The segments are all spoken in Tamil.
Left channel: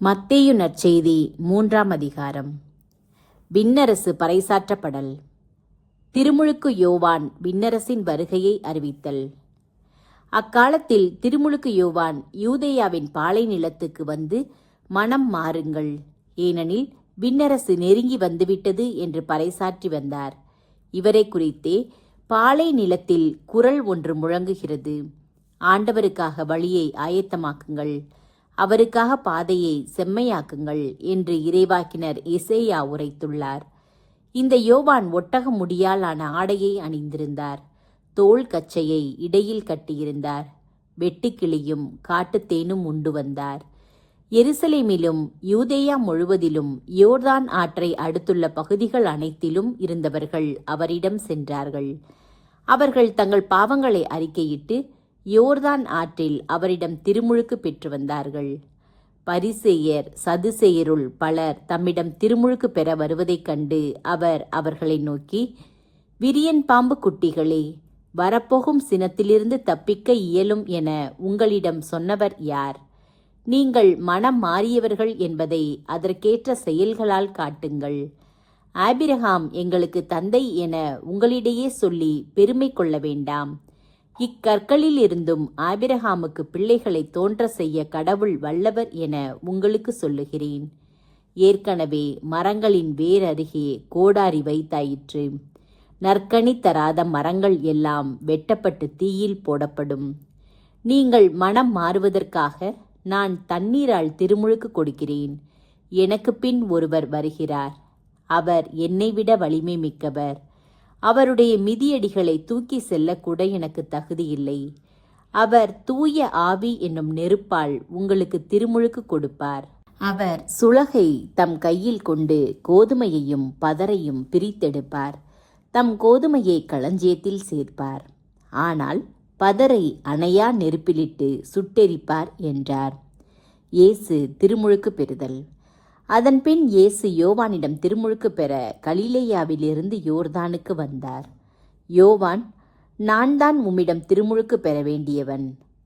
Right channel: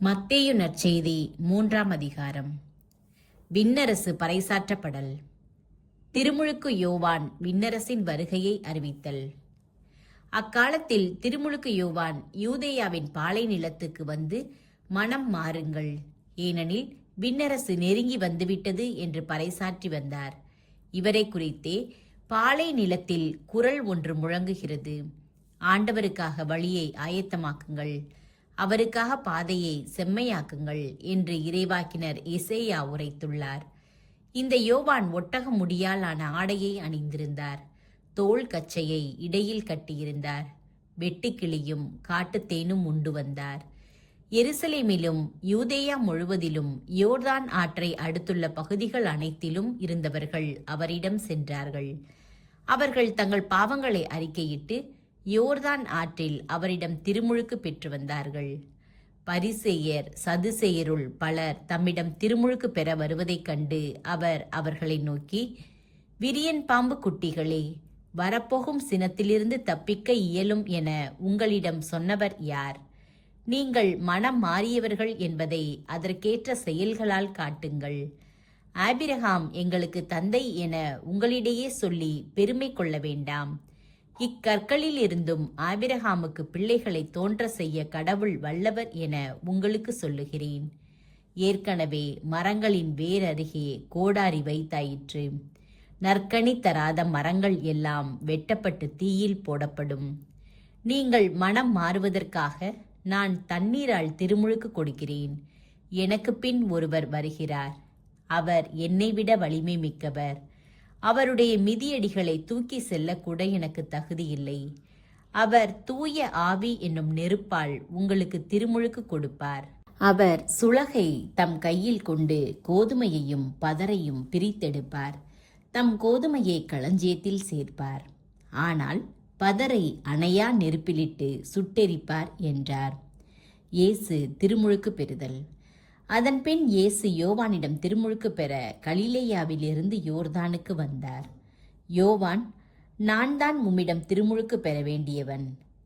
மத்தேயு நற்செய்தி 3ஆம் அதிகாரம். விண்ணரசு பறைசாற்றப்படல். திருமுழுக்கு யோவான் விண்ணரசின் வருகையை அறிவித்தல். அக்காலத்தில் திருமுழுக்கு யோவான் யூதேயாவின் பாலை நிலத்துக்கு வந்து, மனம் மாறுங்கள், ஏனெனில் விண்ணரசு நெருங்கி வந்துவிட்டது என்று பறைசாற்றி வந்தார். இவரை குறித்தே பாலை நிலத்தில் குரல் ஒன்று முழங்குகிறது, ஆண்டவருக்காக வழியை ஆயத்தமாக்குங்கள், அவருக்காக பாதையை செம்மையாக்குங்கள் என்று இறைவாக்கினர் எசேயா உரைத்துள்ளார். இந்த யோவான் ஒட்டக முடியாலான ஆடையை அணிந்திருந்தார், தோல் கச்சையை இடையில் கட்டியிருந்தார், வெட்டுக்கிளியும் காட்டுத்தேனும் உண்டு வந்தார். எருசலேமிலும் யூதேயா முழுவதிலும் யோர்தான் ஆற்றை அடுத்துள்ள பகுதிகள் அனைத்திலும் இருந்தவர்கள் அவரிடம் சென்றார்கள். அவர்கள் தங்கள் பாவங்களை அறிக்கையிட்டு யோர்தான் ஆற்றில் அவரிடம் திருமுழுக்கு பெற்று வந்தார்கள். பரிசேயர் சதுசேயருள் பலர் தம்மிடம் திருமுழுக்கு பெற வருவதைக் கண்டு அவர் அவர்களை நோக்கி, விரியன் பாம்பு குட்டிகளே, வரப்போகும் சினத்திலிருந்து தப்பிக்க இயலும் என உங்களிடம் சொன்னவர் யார்? நீங்கள் மனம் மாறியவர்கள் என்பதை அதற்கேற்ற செயல்களால் காட்டுங்கள். ஆபிரகாம் எங்களுக்கு தந்தை என உங்களிடையே சொல்லி பெருமை கொள்ள வேண்டாம். இக்கற்களில் இருந்தும் ஆபிரகாமுக்கு பிள்ளைகளை தோன்ற செய்ய கடவுள் வல்லவர் என உங்களுக்கு சொல்லுகிறேன். ஏற்கனவே மரங்களின் வேர் அருகே கோடாரி வைத்தாயிற்று. நற்கனி தராத மரங்கள் எல்லாம் வெட்டப்பட்டு தீயில் போடப்படும். நீங்கள் மனம் மாறுவதற்காக நான் தண்ணீரால் திருமுழுக்கு கொடுக்கிறேன். எனக்கு பின் ஒருவர் வருகிறார், அவர் என்னை விட வலிமை மிக்கவர். அவருடைய மிதியடிகளை தூக்கி செல்லக்கூட எனக்கு தகுதியில்லை. அவர் தூய ஆவி என்னும் நெருப்பால் உங்களுக்கு திருமுழுக்கு கொடுப்பார். அவர் சுளகை தம் கையில் கொண்டு கோதுமையையும் பதரையும் பிரித்தெடுப்பார். தம் கோதுமையை களஞ்சியத்தில் சேர்ப்பார், ஆனால் பதரை அணையா நெருப்பிலிட்டு சுட்டெரிப்பார் என்றார். இயேசு திருமுழுக்கு பெறுதல். அதன்பின் இயேசு யோவானிடம் திருமுழுக்கு பெற கலிலேயாவிலிருந்து யோர்தானுக்கு வந்தார். யோவான், நான் தான் உம்மிடம் திருமுழுக்கு பெற வேண்டியவன்,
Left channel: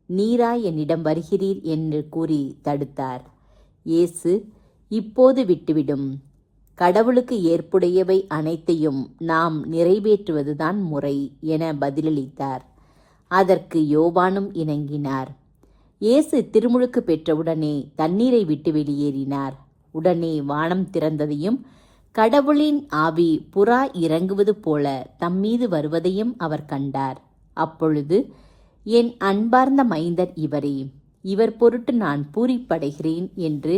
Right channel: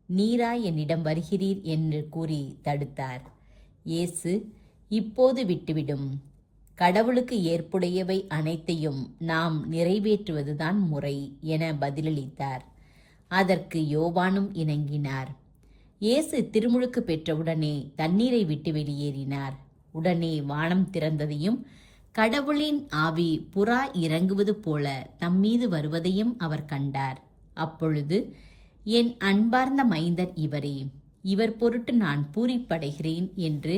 நீரா என்னிடம் வருகிறீர் என்று கூறி தடுத்தார். இயேசு, இப்போது விட்டுவிடும், கடவுளுக்கு ஏற்புடையவை அனைத்தையும் நாம் நிறைவேற்றுவதுதான் முறை என பதிலளித்தார். அதற்கு யோவானும் இணங்கினார். இயேசு திருமுழுக்கு பெற்றவுடனே தண்ணீரை விட்டு வெளியேறினார். உடனே வானம் திறந்ததையும் கடவுளின் ஆவி புறா இறங்குவது போல தம்மீது வருவதையும் அவர் கண்டார். அப்பொழுது, என் அன்பார்ந்த மைந்தர் இவரே, இவர் பொருட்டு நான் பூரிப்படைகிறேன் என்று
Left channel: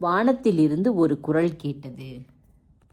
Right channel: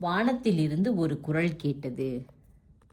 வானத்திலிருந்து ஒரு குரல் கேட்டது.